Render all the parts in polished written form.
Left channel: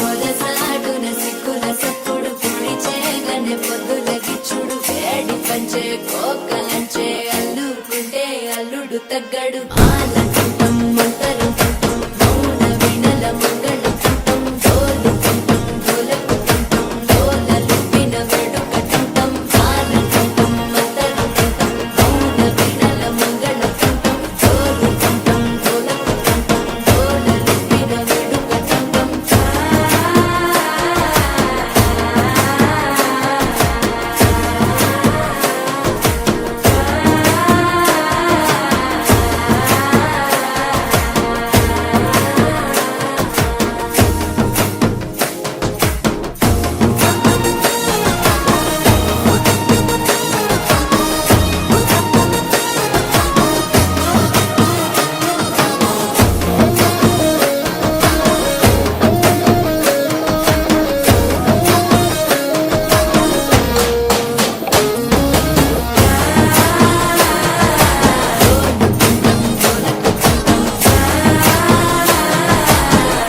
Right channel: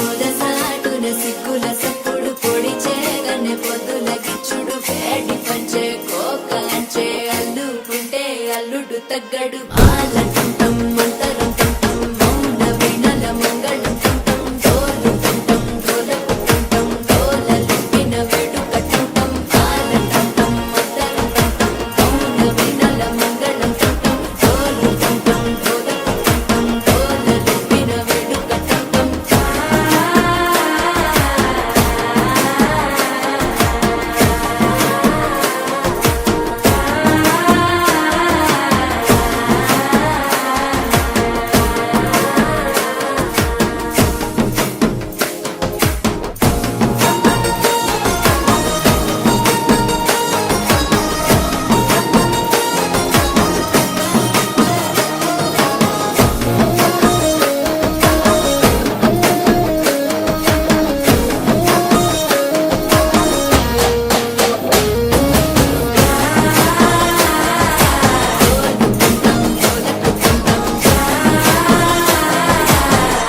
పొదసాటున సిక్కుల సప్పుడు పొడి చేయగానే పొద్దుల గిచ్చుడు వేడి పంచే కోక అంచే అల్లుకుంటే అల్లుడు తగ్గడు ఆలంటుంటం మంతరం తుంటం మౌన వినల మంగళం తుంటం డోలు తుంటం డోలకు తుంటం డోలలిప్పిన వేడుక తుంటం ఆలంటుంటం మంతరం తుంటం మౌన వినల మంగళం తుంటం డోలు తుంటం డోలకు తుంటం డోలలిప్పిన వేడుక తుంటం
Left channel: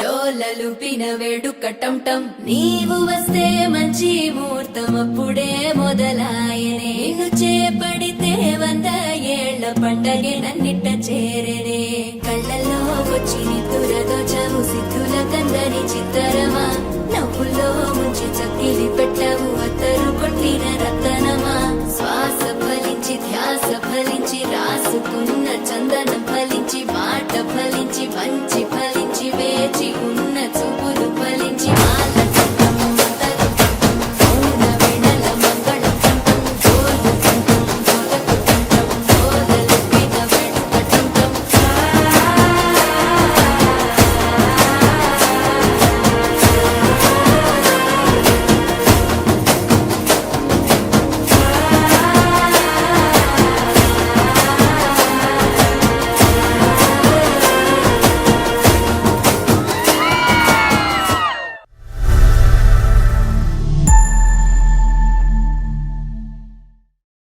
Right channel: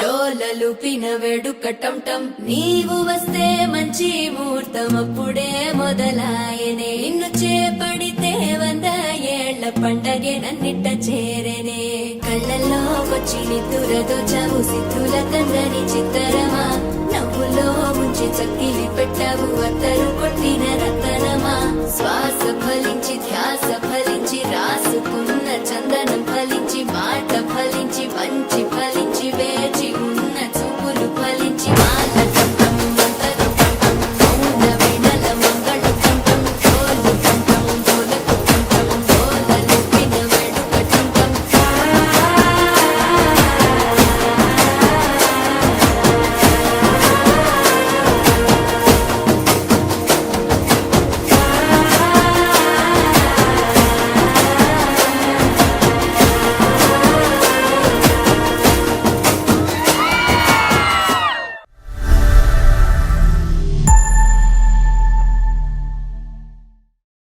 డోలలుపిన వేడుక టంటం నీవు వస్తే మంచి ముహూర్తం అప్పుడే మొదలాయనే నిన్ను చేపడితే 100 ఏళ్ల పండగే నన్నిట్ట చేరనే కళ్ళల్లో వచ్చి నిద్దురదోచావు సిద్ధుల కందని చిత్తరమా నవ్వులో ముంచి చక్కిలి పెట్టావు అత్తరు కొట్టిన రతనమా శ్వాస ఫలించి ధ్యాస ఫలించి రాసుకున్న చందనం ఫలించి మాట ఫలించి